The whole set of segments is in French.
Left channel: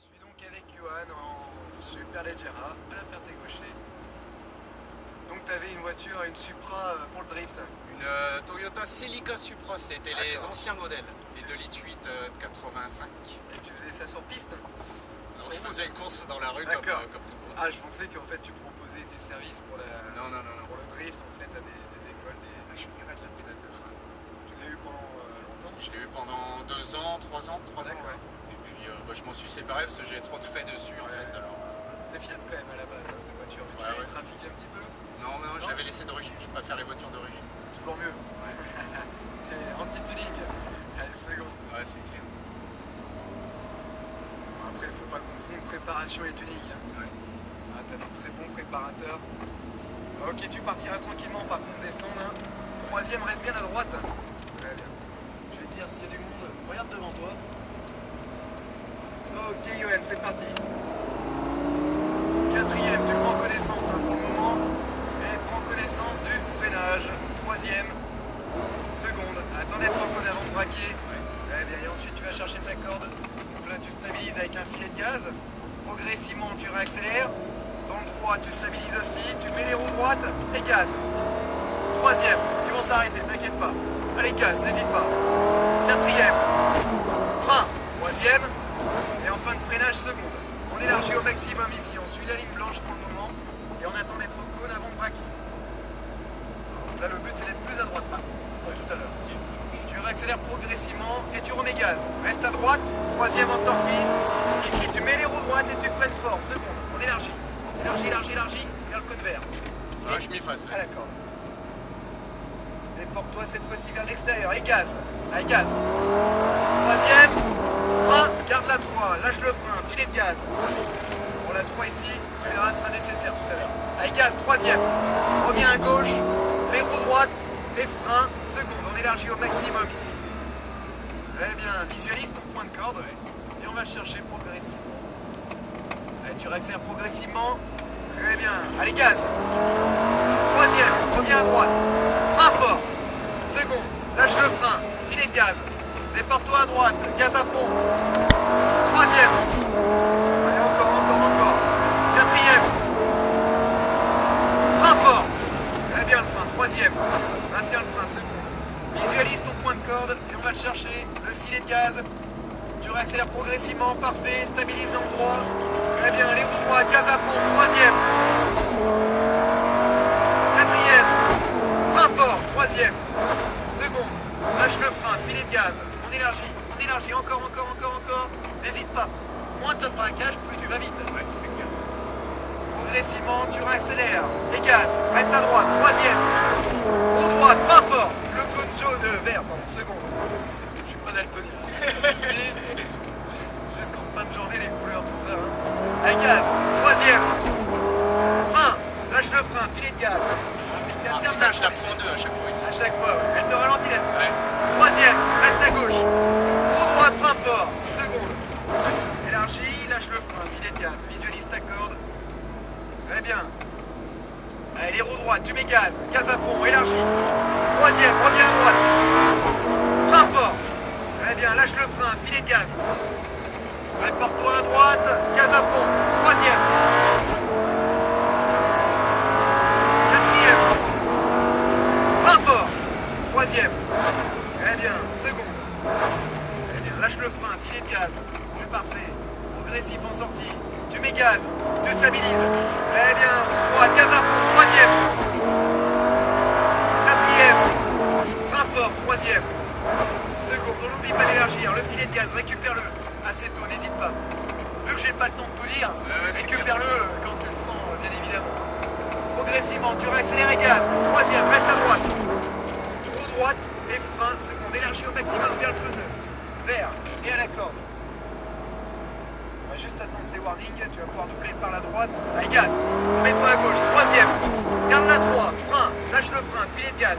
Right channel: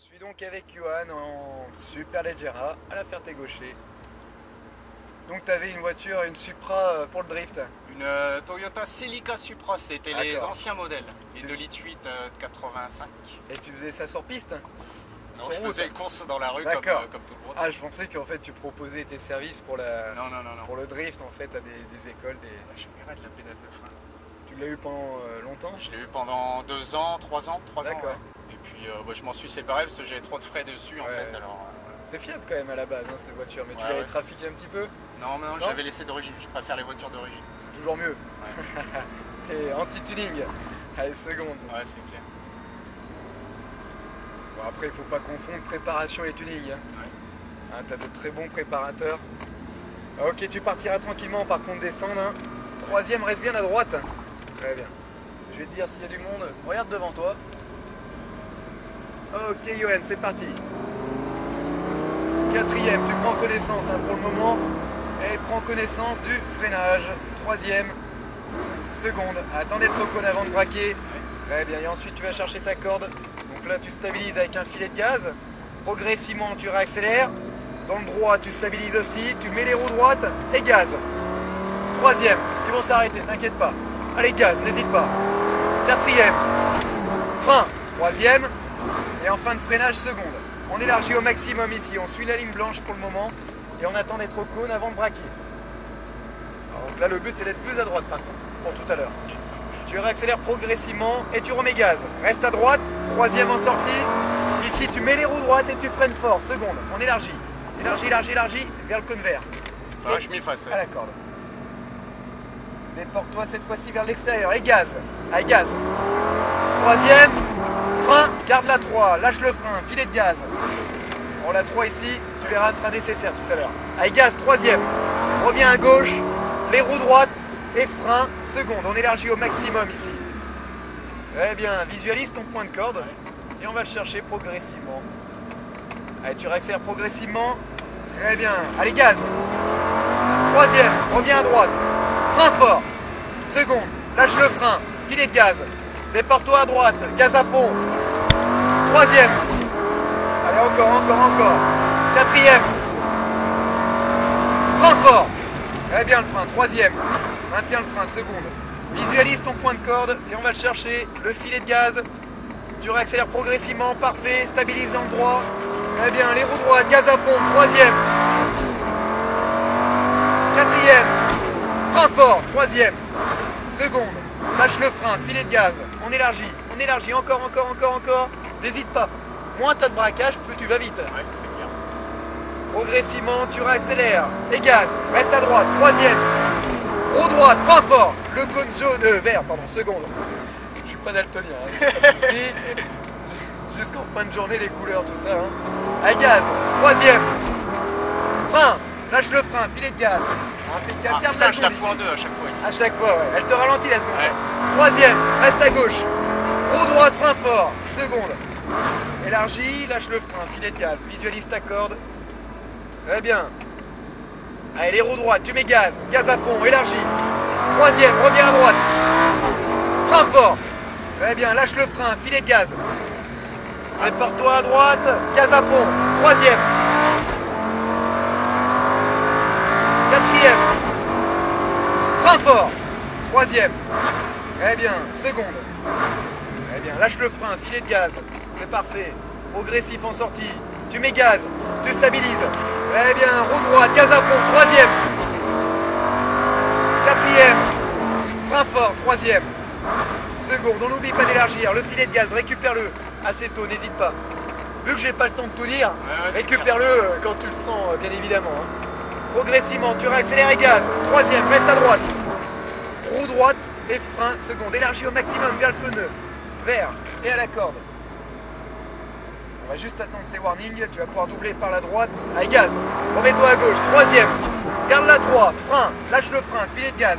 Je suis donc avec Johan en Superleggera à la Ferté-Gaucher. Donc tu avais une voiture, une Supra pour le drift. Une Toyota Celica Supra, c'était les anciens modèles, les 2,8 litres de 85. Et tu faisais ça sur piste? Non, je faisais le course dans la rue comme tout le monde. Ah, je pensais qu'en fait tu proposais tes services pour, Non. pour le drift en fait à des écoles. La championnat de la pédale de frein. Tu l'as eu pendant longtemps? Je l'ai eu pendant 2 ans, 3 ans. D'accord. Ouais. Et puis je m'en suis séparé parce que j'avais trop de frais dessus en fait. Alors, c'est fiable quand même à la base hein, cette voiture, mais tu l'avais trafiqué un petit peu? Non, j'avais laissé d'origine, je préfère les voitures d'origine. C'est toujours mieux. Ouais. T'es anti-tuning. Allez, seconde. Ouais, c'est clair. Bon, après, il faut pas confondre préparation et tuning. Hein. Ouais. Hein, t'as de très bons préparateurs. Ok, tu partiras tranquillement par contre des stands. Hein. Troisième, reste bien à droite. Très bien. Je vais te dire s'il y a du monde. Regarde devant toi. Ok, Johan, c'est parti. Quatrième, tu prends connaissance hein, pour le moment. Et prends connaissance du freinage. Troisième, seconde. Attends d'être au cône avant de braquer. Très bien. Et ensuite, tu vas chercher ta corde. Donc là, tu stabilises avec un filet de gaz. Progressivement, tu réaccélères. Dans le droit, tu stabilises aussi. Tu mets les roues droites et gaz. Troisième, ils vont s'arrêter, t'inquiète pas. Allez, gaz, n'hésite pas. Quatrième, frein. Troisième. Et en fin de freinage, seconde. On élargit au maximum ici. On suit la ligne blanche pour le moment. Et on attend d'être au cône avant de braquer. Alors, là, le but, c'est d'être plus à droite par contre, pour tout à l'heure. Tu réaccélères progressivement et tu remets gaz. Reste à droite. Troisième en sortie. Ici, tu mets les roues droites et tu freines fort. Seconde, on élargit. Élargis, vers le cône vert. Enfin, je m'efface. Ah d'accord. Déporte-toi cette fois-ci vers l'extérieur. Et gaz. Allez, gaz. Troisième. Frein. Garde la 3. Lâche le frein. Filet de gaz. Bon, la 3 ici, tu verras, sera nécessaire tout à l'heure. Allez, gaz. Troisième. Reviens à gauche. Les roues droites. Et frein. Seconde. On élargit au maximum ici. Très bien. Visualise ton point de corde. Et on va le chercher progressivement. Allez, tu réaccélères progressivement. Très bien. Allez, gaz. Troisième. Reviens à droite. Frein fort. Seconde. Lâche le frein. Filet de gaz. Déporte-toi à droite. Gaz à fond. Troisième. Allez, encore. Quatrième. Frein fort. Très bien le frein. Troisième. Maintiens le frein. Seconde. Visualise ton point de corde et on va le chercher. Le filet de gaz. Tu réaccélères progressivement. Parfait. Stabilise dans le droit. Très bien. Les roues droites. Gaz à fond. Troisième. Quatrième. Frein fort. Troisième. Seconde. Lâche le frein. Filet de gaz. On élargit. Encore. N'hésite pas. Moins tu as de braquage, plus tu vas vite. Ouais, c'est clair. Progressivement, tu réaccélères. Et gaz. Reste à droite. Troisième. Roue droite. Frein fort. Le cône jaune. Vert, pardon. Seconde. Je suis pas daltonien. Hein. Si. Jusqu'en fin de journée, les couleurs, tout ça. Hein. Allez, gaz. Troisième. Frein. Lâche le frein. Filet de gaz. Impeccable. Je la fous en deux à chaque fois ici. À chaque fois, ouais. Elle te ralentit la seconde. Ouais. Troisième, reste à gauche. Roue droite, frein fort. Seconde. Élargis, lâche le frein, filet de gaz. Visualise ta corde. Très bien. Allez, les roues droites, tu mets gaz. Gaz à fond, élargis. Troisième, reviens à droite. Frein fort. Très bien, lâche le frein, filet de gaz. Porte-toi à droite, gaz à fond. Troisième. Quatrième. Frein fort. Troisième. Très bien. Seconde. Très bien. Lâche le frein. Filet de gaz. C'est parfait. Progressif en sortie. Tu mets gaz. Tu stabilises. Très bien. Roue droite. Gaz à fond. Troisième. Quatrième. Frein fort. Troisième. Seconde. On n'oublie pas d'élargir. Le filet de gaz. Récupère-le. Assez tôt. N'hésite pas. Vu que j'ai pas le temps de tout dire, récupère-le quand tu le sens, bien évidemment. Hein. Progressivement, tu réaccélères et gaz. Troisième, reste à droite. Roue droite et frein. Seconde, élargis au maximum vers le pneu. Vert et à la corde. On va juste attendre ces warnings. Tu vas pouvoir doubler par la droite. Allez, gaz. Remets-toi à gauche. Troisième. Garde la 3. Frein. Lâche le frein. Filet de gaz.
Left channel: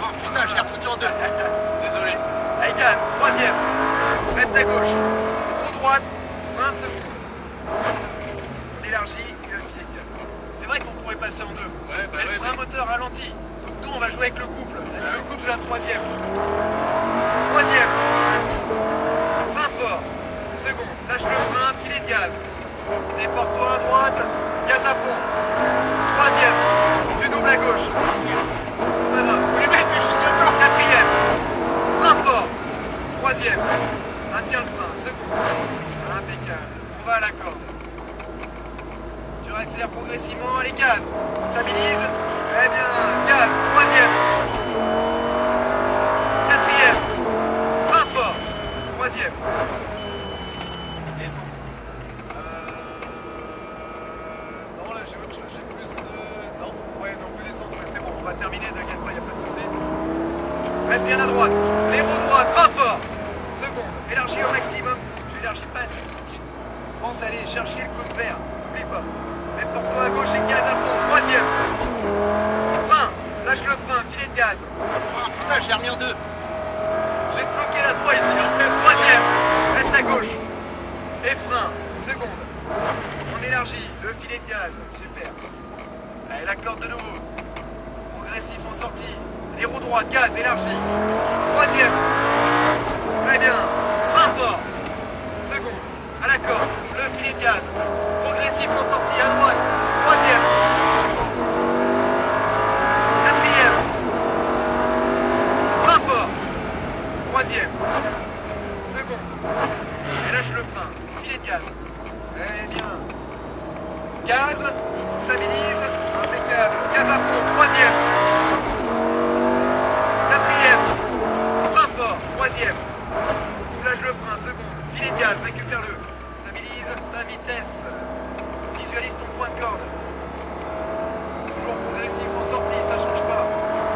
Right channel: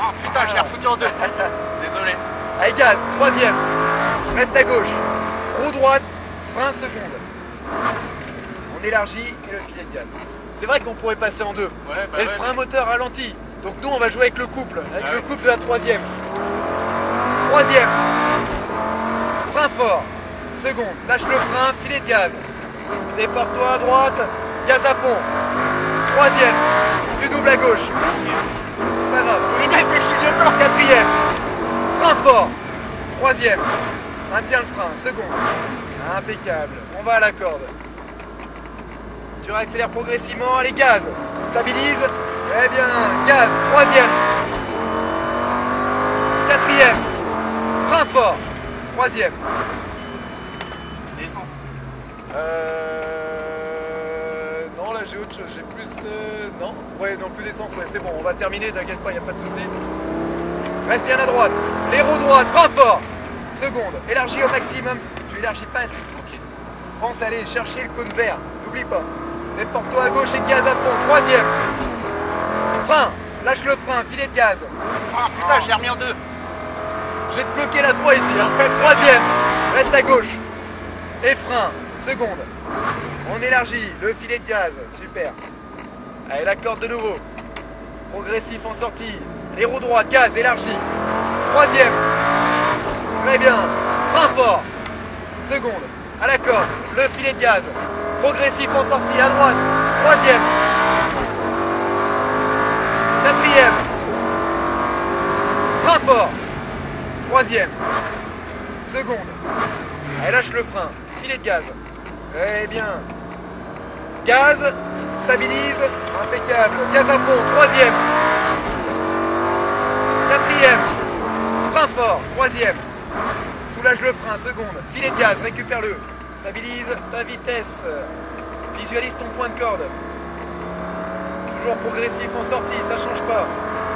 Oh putain, je l'ai refoutu en deux. Désolé. Allez, gaz. Troisième. Reste à gauche. Roue droite. Frein. Seconde. On élargit et le filet de gaz. C'est vrai qu'on pourrait passer en deux. Ouais, mais le frein moteur ralenti. Donc nous on va jouer avec le couple. Avec le couple de la troisième. Troisième. Frein fort. Seconde. lâche le frein, filet de gaz. Déporte-toi à droite, gaz à fond. Troisième, tu doubles à gauche. C'est pas grave. Faut les mettre au fil de temps. Quatrième, frein fort. Troisième, maintiens le frein. Second, impeccable. On va à la corde. Tu réaccélères progressivement, allez gaz. Stabilise. Eh bien, gaz. Troisième. Quatrième. Frein fort. Troisième. L'essence. Non, là j'ai autre chose. J'ai plus. Non. Ouais, non, plus d'essence. Ouais, c'est bon, on va terminer, t'inquiète pas, il n'y a pas de souci. Reste bien à droite. L'aéro droite, frein fort. Seconde. Élargis au maximum. Tu élargis pas assez. Tranquille. Pense à aller chercher le cône vert. N'oublie pas. Déporte-toi à gauche et gaz à fond. Troisième. Frein. Lâche le frein. Filet de gaz. Oh putain, je l'ai remis en deux. Je vais te bloquer la 3 ici. Hein. Troisième. Reste à gauche. Et frein. Seconde. On élargit. Le filet de gaz. Super. Allez, la corde de nouveau. Progressif en sortie. Les roues droites. Gaz. Élargi. Troisième. Très bien. Frein fort. Seconde. À la corde. Le filet de gaz. Progressif en sortie. À droite. Troisième. Quatrième. Frein fort. Troisième. Seconde. Elle lâche le frein. Filet de gaz. Très bien. Gaz. Stabilise. Impeccable. Gaz à fond. Troisième. Quatrième. Frein fort. Troisième. Soulage le frein. Seconde. Filet de gaz. Récupère-le. Stabilise ta vitesse. Visualise ton point de corde. Toujours progressif en sortie. Ça change pas.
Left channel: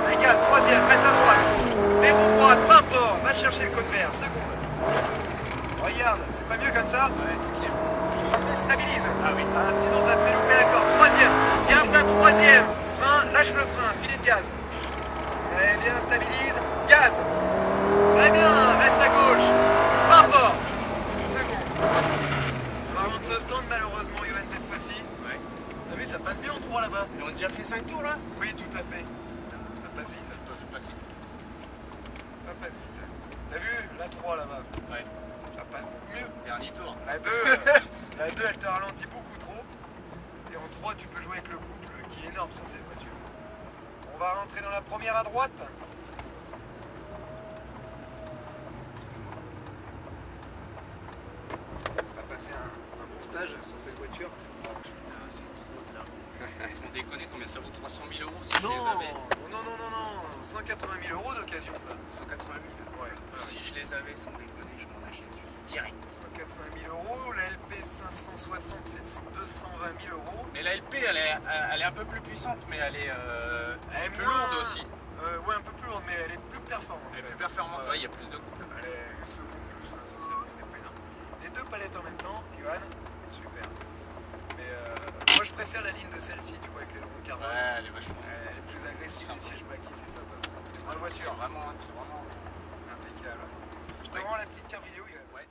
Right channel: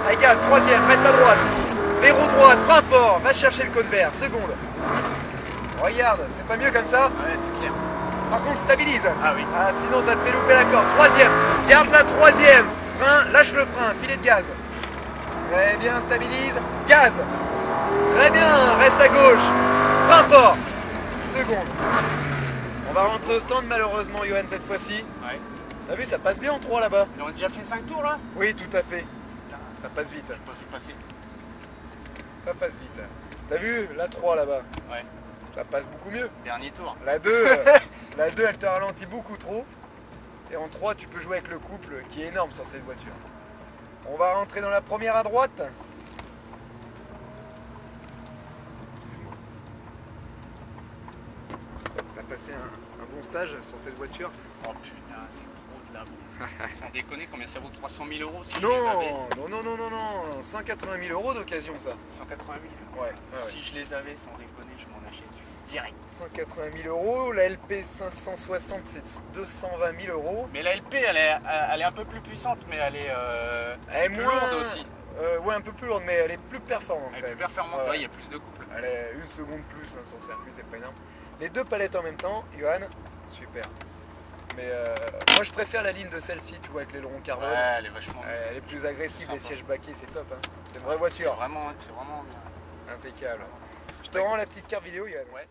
Allez, gaz. Troisième. Reste à droite. L'aéro droite. Frein fort. Va chercher le cône vert. Seconde. Regarde. C'est pas mieux comme ça? Ouais, c'est clair. Par contre, stabilise. Ah oui. Ah, sinon, ça te fait louper la corde. Troisième. Garde la troisième. Frein. Lâche le frein. Filet de gaz. Très bien. Stabilise. Gaz. Très bien. Reste à gauche. Frein fort. Seconde. On va rentrer au stand, malheureusement, Johan, cette fois-ci. Ouais. T'as vu, ça passe bien en 3 là-bas. Mais on a déjà fait 5 tours là? Oui, tout à fait. Putain, Ça passe vite. je peux passer. Ça passe vite. T'as vu, la 3 là-bas. Ouais. Ça passe beaucoup mieux. Dernier tour. La 2, la 2 elle te ralentit beaucoup trop. Et en 3, tu peux jouer avec le couple qui est énorme sur cette voiture. On va rentrer dans la première à droite. On va passer un bon stage sur cette voiture. Oh putain, c'est trop de la boue. Sans déconner, combien ça vaut? 300 000 euros si Non, je les avais? non, 180 000 euros d'occasion ça. 180 000. Ouais, Si je les avais, sans déconner, je m'en achète une direct. 180 000 euros, la LP 560 c'est 220 000 euros. Mais la LP, elle est un peu plus puissante, mais elle est Elle est plus moins- lourde aussi. Ouais, un peu plus lourde, mais elle est plus performante. Elle est quand plus même. performante, Ouais. ouais, il y a plus de couple. Elle est une seconde plus hein, sur circuit, c'est pas énorme. Les deux palettes en même temps, Johan, super. Mais moi je préfère la ligne de celle-ci, tu vois, avec les longs carbone. Ouais, elle est vachement. Elle est plus agressive, les Sympa. sièges baquets, c'est top. Hein. C'est une vraie C'est voiture, vraiment. impeccable. Je te rends la petite carte vidéo, Johan. Ouais.